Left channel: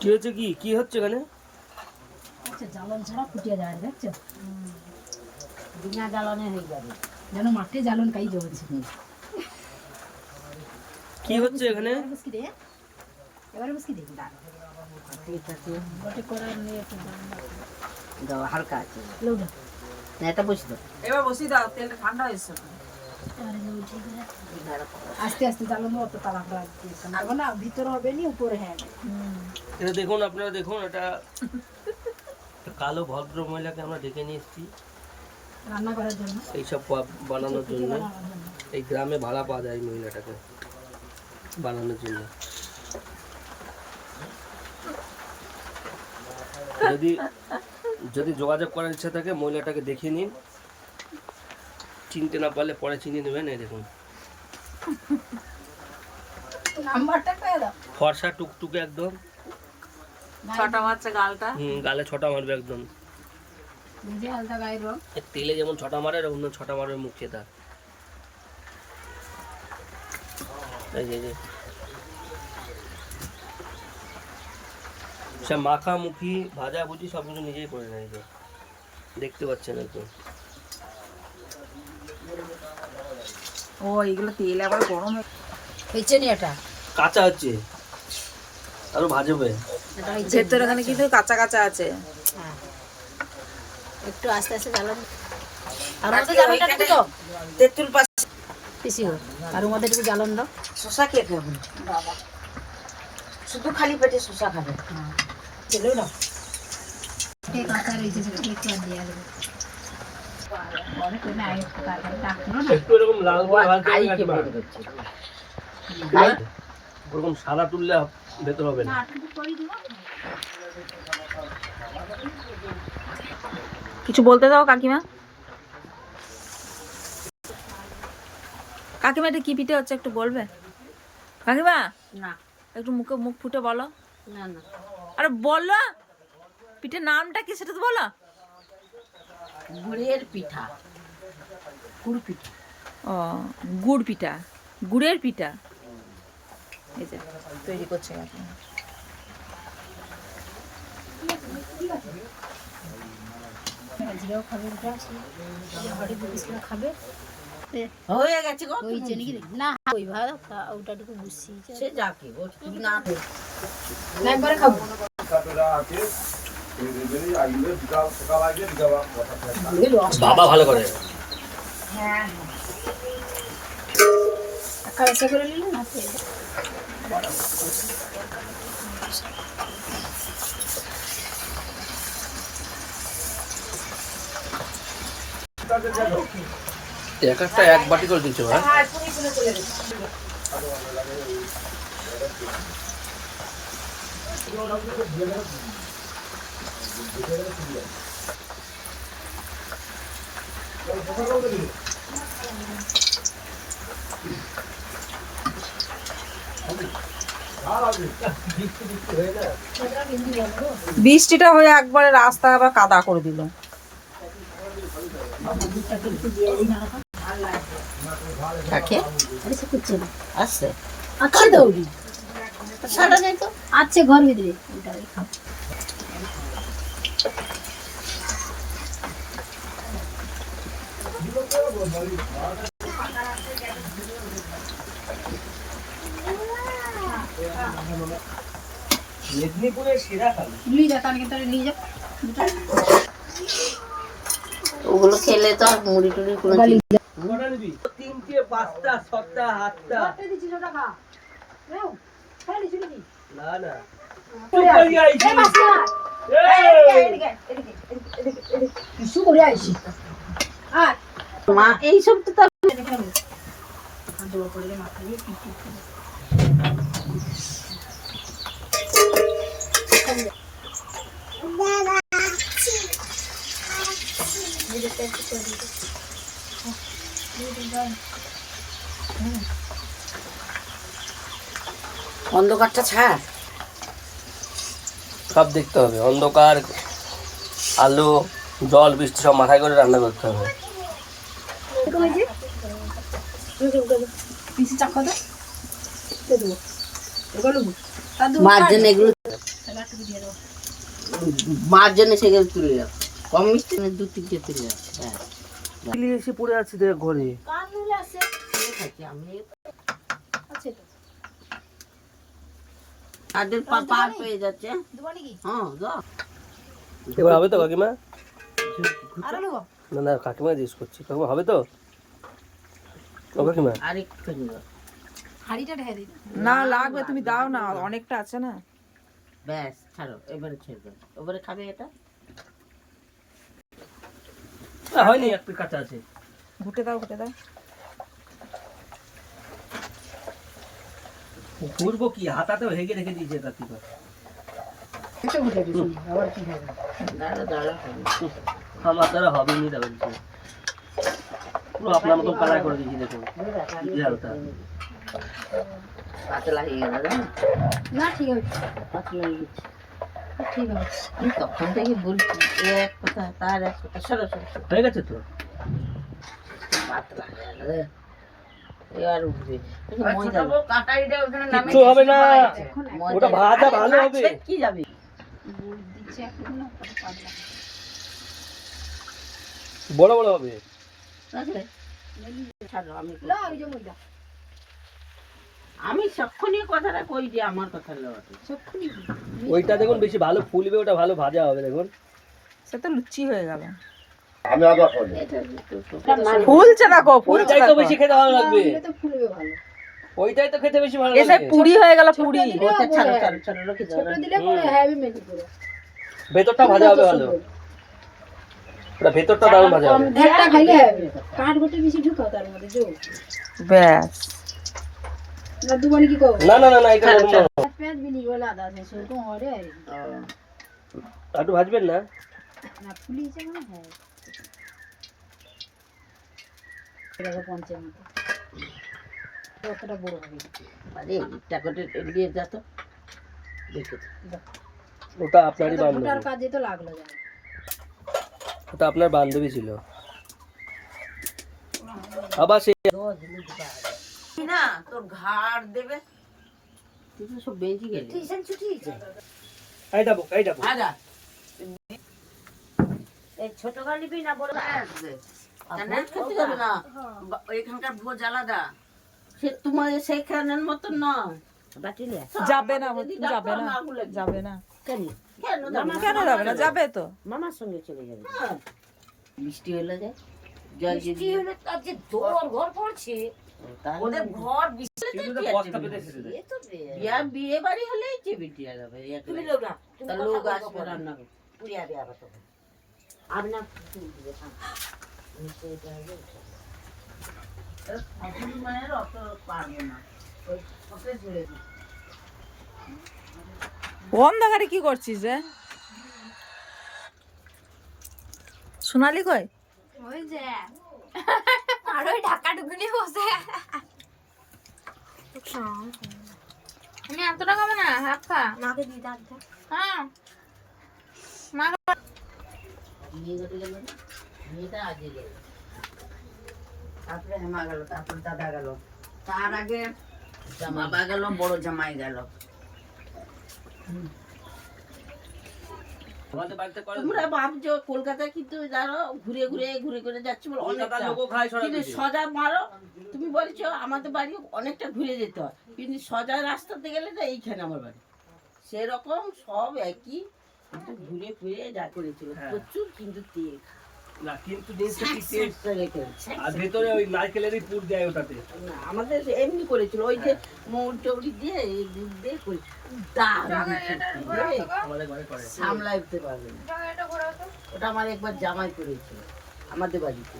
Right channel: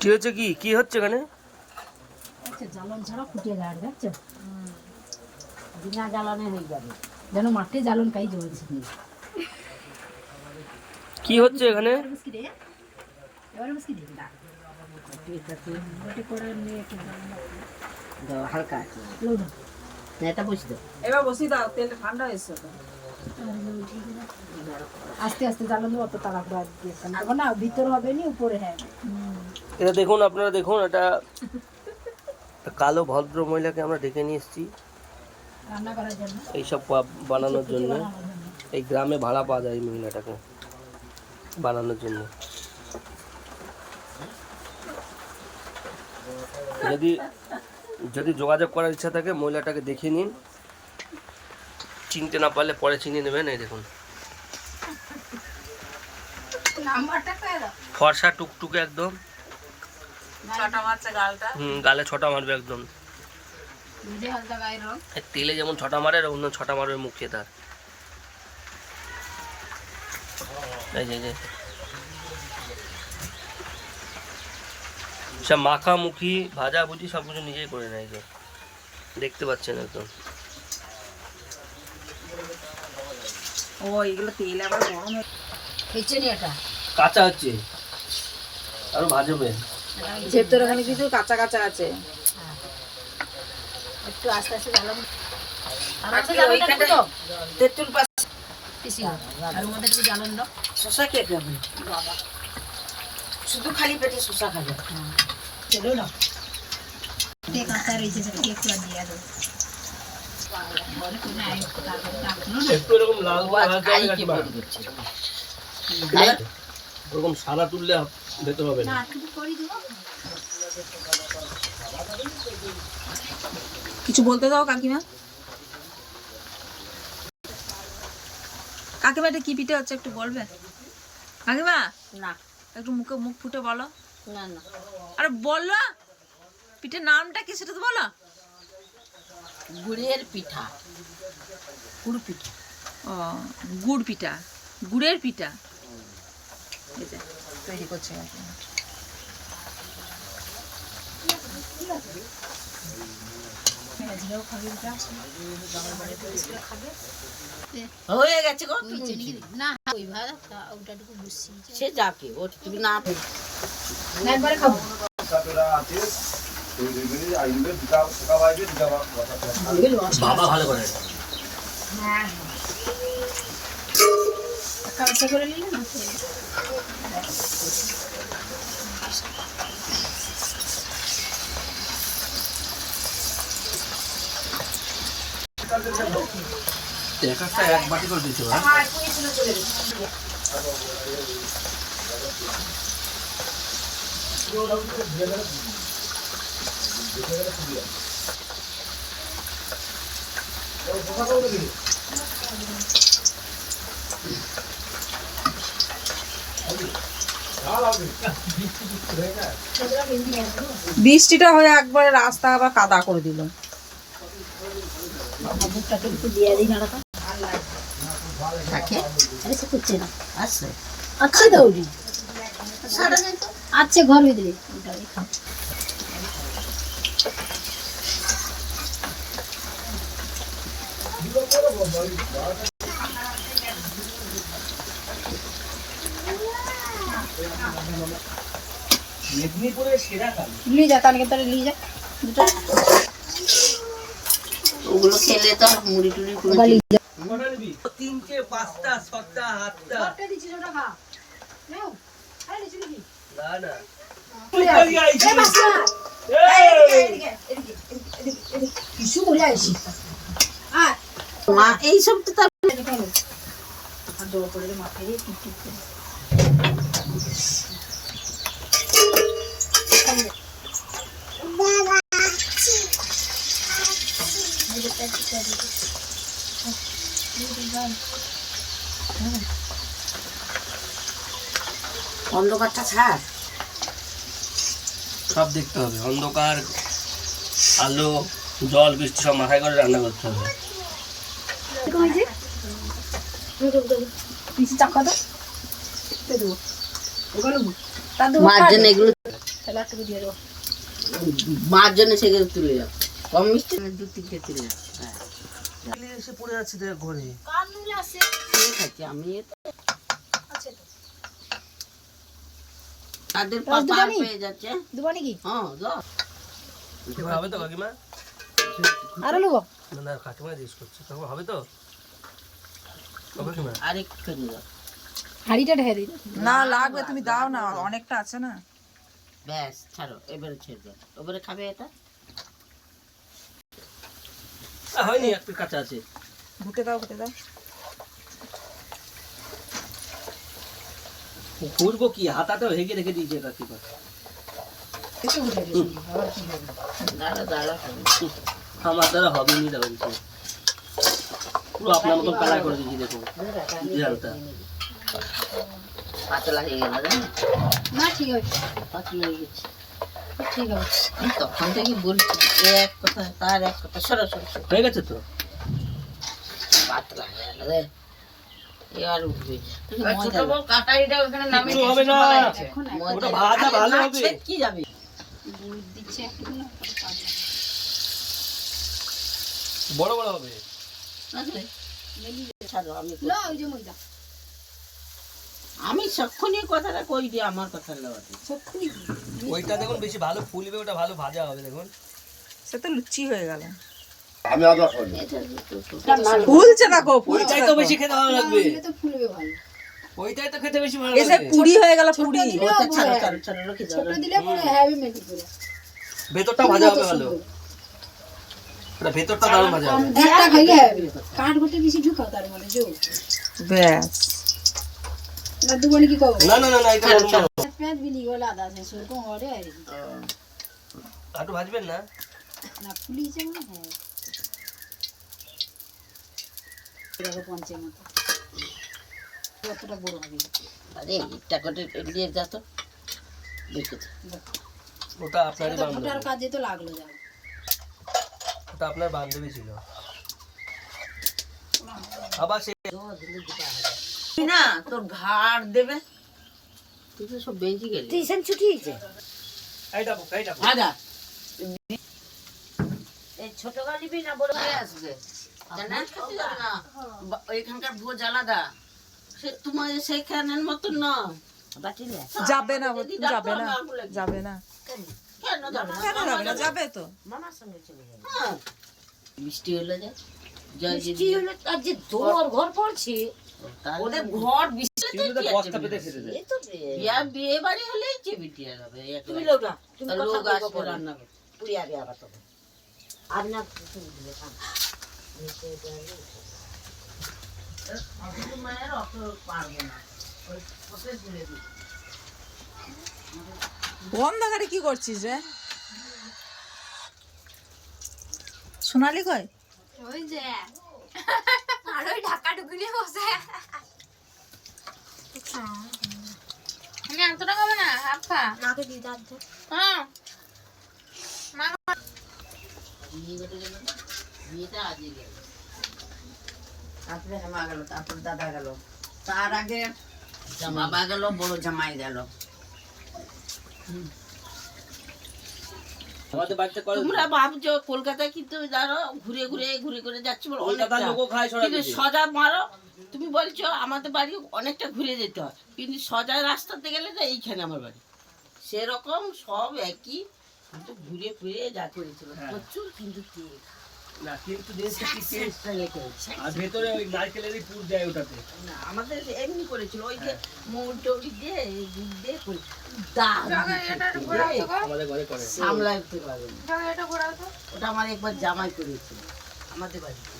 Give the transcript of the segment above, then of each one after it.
কি হচ্ছে, কি হচ্ছে এখানে? আচ্ছা, জ্বালন ছাড়া ফুটিয়ে দেয়, দেখছো? বিনা জ্বালনে হয়ে যাবে, যেন মাঠে জ্বালন কাই জ্বলছে। কি হচ্ছে এখানে? হালকা আছে, এটা বসি দাও, এবার বসি দাও, তেলটা ঠান্ডা হয়েছে। আস্তে আস্তে জ্বালন অত তাড়াহুড়া দিয়েছেন না, ভিতরে হবে নি উপরে। হ্যাঁ, এটা দেখুন, আপনারা দেখুন, এটা কালো ভদ্র মহিলাকে আমরা ডেকে নিয়ে এসেছি রান্না করার জন্য, এইসব বানানোর জন্য। এই গ্রামে ভাড়া পাওয়া যায় এই মহিলাটাকে বানানোর জন্য। যদি যোগাযোগ করার ইচ্ছা থাকে মহিলাটাকে দেখে নিন, চিনতে না পারলে পরে চিনে নেবেন। এই দেখুন, ফর্সা টুকটুকে একদম, ছটা মারছে গালটা। গালে ছটা মারবে একদম, তেলে যেমন ছটা মারে অন্য ছটা মারবে মুখে তার। এই যে সব মাখামুখি ভাজাভুজি সব কিছু নিজেই করে নেয়, যে দেখতে পাচ্ছেন একদম। ও এগুলো তেল আবার গরম হয়েছে নি, এটা কাঁচা হচ্ছে, আরো ভাজবে। ভেতরে এখানে কিন্তু কাঁচা কাঁচা আছে। একটু আস্তে আস্তে জ্বালন, তেঁতুল পাতা পিসিও আর মধ্যে একটু জ্বালন দাও। শসা খেয়ে দেবো, শুধু খালি পেটে শসা খাবে। চলো না, কাঁচা রয়েছে, সেটা একটু দিয়ে দেবো। একটু এরকম লাল করে ভাজতে হবে কাকিমা। ওরকম সাদা তুললে ভেতর হবে না। কিছু বলতে দাও কাকিমা। কাকিমা এটা কি পিঠে হচ্ছে একটু বলবে কাকিমা? না, একটু মুখ ফুটে বলো। না না, আরে বলো, পিঠের নামটা কি সেটা তো বলো। গুড়ের পিঠা, গুড় পিঠা। ও, গুড় পিঠা, গুড়ের পিঠা। এই যে তৈরি করছে কাকিমা। হয়ে গেছে গো, না ওই ভাড়া ওটাটুকু বুঝছি, সে যাকে ও তুমি না একবারে খাবো। বাবা ভালো করে। হ্যাঁ, কাঁচা করে নিলে না একটা এক বাটি করে দিতে হবে। বৃষ্টিটা হয়ে একবারে রাস্তা আবার কাদা করে দিল। আচ্ছা দৌড়ি আচ্ছা ঘর ভিতরে খাও। মেদিনীপুরের সেরা খালি নিয়ে যা, কালকে তাহলে নিয়ে যা, ওগুলো খেলে তো মুড়ি টুড়ি গালি যা। 3টে 5টা 6টা 8টা দিছি ওটা খা নাও, খাই দিছি নাকি? না না কিছু করে আইছি মা, এইসব তো তার জোর করে মাথায় দিয়ে টিপ টিপ করে অন্ধকারটা ছাড়, সব দেখতে হবে। অন্ধকার, আলো, জল, বৃষ্টি সব মাথায় করে রান্না করতে হবে। পিসি চাকা দাও, মার জন্য এগুলো মার জন্য সেগুলো তুলে যাও কম মিষ্টি 2-3টে তুলে যাচ্ছে হ্যাঁ মিলি এসে পড়ে আছি দেখ ঘরে ঠিক আছে আমি তাদের পার পেয়ে যাচ্ছে হ্যাঁ যাও এবার হবে তো কাকিমা? আরো নেবো না না কাকিমা জিজ্ঞেস করছি কাকিমা হবে তো? ও কাকিমা আরেকটুখানি দাও হাঁড়িটা ঢেলে দিই না লাগবে তুমি দাও না অনেকটা আছে না ব্যাস ছাড়ো এবারে ছেড়ে দাও এবারে খাবে এটা হয়নি এক পিস কাঁচা আছে ঘুটে দাও ঘুরবো কি হাতাতেও হেগে রেখে দিয়েছে কাকিমা দাঁড়া আমার দ্বারা হবে নি দাও পুরো আপনার মতন কালার করে দিয়েছি দেখো ঝালটা পাতলা হয়ে গেল না ঠিক আছে পাতলা হয়ে গেছে ঠিক আছে আমি তখন থেকে বলছি এক কথা তার এক কথা সরো হয়ে গেছে তো পাতলা হয়ে গেল রে এবার উঠবে কাটারিটা ওখানে নামে কিচ্ছু হবে না ওটা ভাজা ভালো হবে কি যাবে বড় বড় হবে আমি সক্ষণীয় কথাটা কই যে আমার কথা লওয়াতে ওইটা দেখুন বেশি ভালো ফুলবে ওটা ভালো ভাজা হবে দেখুন সে তো লুচি হয়ে গেল আমি আদা খাই ফুলছে না গো ওইটাই তো বেশি খেতে ভালো লাগবে ওইটাই তো খেতে বেশি ভালো এসে লাগবে পুরি হয়ে গেল পুরি ওটা ছাড়ো রেখে দাও ভেতরটা ভাজা হবে ভালো ওটা ভেতরটা দারুণ ভাজা হবে ব্যাস না না না না এটা একটু ভাজবেন না আরে একটা করে দিয়ে যা তো দেখে ওটা আপনারই বান্ধবী ওটা আপনার বান্ধবী ছিল আবার সে না তোর ঘাড় দেবে তুই তো সব বেঁচে গেলি টিউশন ছুটি হয়েছে এইটা দাদা এই ছোট গালিবি না বড় গালি আসবে জানা খেতে যাবে না এখানকার ভোজ আলাদা সে তোমার সেইখানের মতো নয় বাটিলে যাবে না যাবে না কেন কেন যাবে না যাবে তো মামার সঙ্গে চলে যাবে মিষ্টি হলে যায় জয় মিষ্টি হলে আর যে দোর ঘর পড়ছে ওদের ঘর বিশাল বিয়ে বাড়ি হলেই চেবিটিয়া যাবে তুমি লোক আসবে রান্না করে পুরিয়া দেওয়া আবার তখন আমি না মায়ের অত পারবে না অন্ধকারে কি করছিস রে সোনালি কই ওই যে আর ওই ঢাকা ঢুকুনি বসে এত টাকা হবে না হাফ খা মাকে দিই দাঁত হ্যাঁ বিয়েটা আগে গেল তারপরে হেমা গেল তারপরে দাদা গেল তার আগে বাবা গেল বড় জামাই গেল তোমরা ভাবছো কলকাতায় কিন্তু জানো ঘুরে ঘুরে যাচ্ছে বলে অনেকটা কিন্তু সোজা মারো তুমি বলছো আমাদের বাড়ি অনেকটা ঘুরে যেতে হয় কিন্তু সোজা রাস্তাতে গেলে না এইখানে আমার বাড়ি সেরকম সব একই কিন্তু ঘুরে ফিরে যা করেছিল প্রচুর কিন্তু তেল না কিন্তু জিনিসটা কি টেস্ট আর ভেতরে ওই নারকেলেরই পুর দেয় ওটাতে না আমাদের এমনি করেছিল ওই যে মৌরি টৌরি দিয়ে গুড় দিয়ে করে আমাদের ঘরে করে সামলাইতে পারে ওটা আমার একবার জামাই করেছিল আমাদের বাড়িতে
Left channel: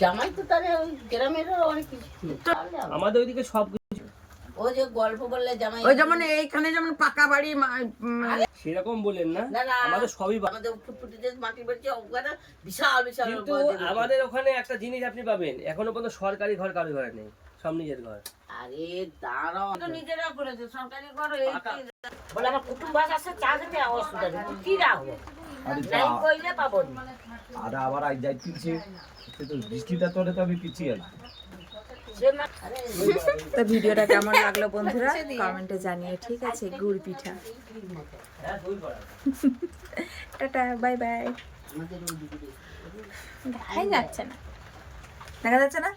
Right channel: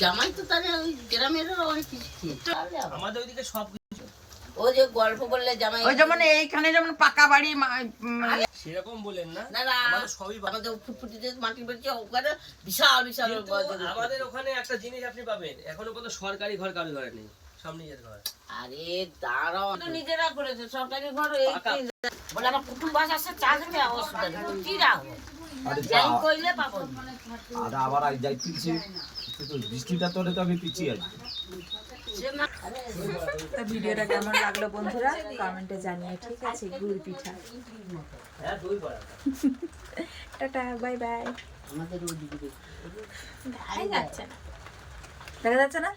জামাই তো তাহলে ওই গ্রামের অনেক কিছু খেয়েছে আমাদের ওইদিকে সব ওই যে গল্প বললে জামাই ওই যেমন এইখানে যেমন পাকা বাড়ি সেরকম বলেন না আমাদের সবই আমাদের ফুটফুটিতে মাটির বাড়ি ওখানে বিশাল বিশাল আমাদের ওখানে একটা জিনিস আপনি পাবেন এখনো পর্যন্ত সরকারি ঘর কারো ঘরে নেই সব নিজের ঘর আরে দাঁড়াও তো নিজেরা করেছে সরকারি ঘর বলে আমার কুটুম্ব আসে চা খেতে অসুবিধা নেই কি রাখবো আরে নাই কইলে পাবো না। আর আবার আই যাই পিছিয়ে তো বৃষ্টিটা তোরে তো আমি পিছিয়ে আসবো। সে মা তো ভিডিওটা কেমন লাগলো বন্ধুরা কমেন্টে জানিয়ে, ঠিক আছে? গুড় পিঠা। Tata, bye bye. দেখাই যাচ্ছে না। দেখা যাচ্ছে না?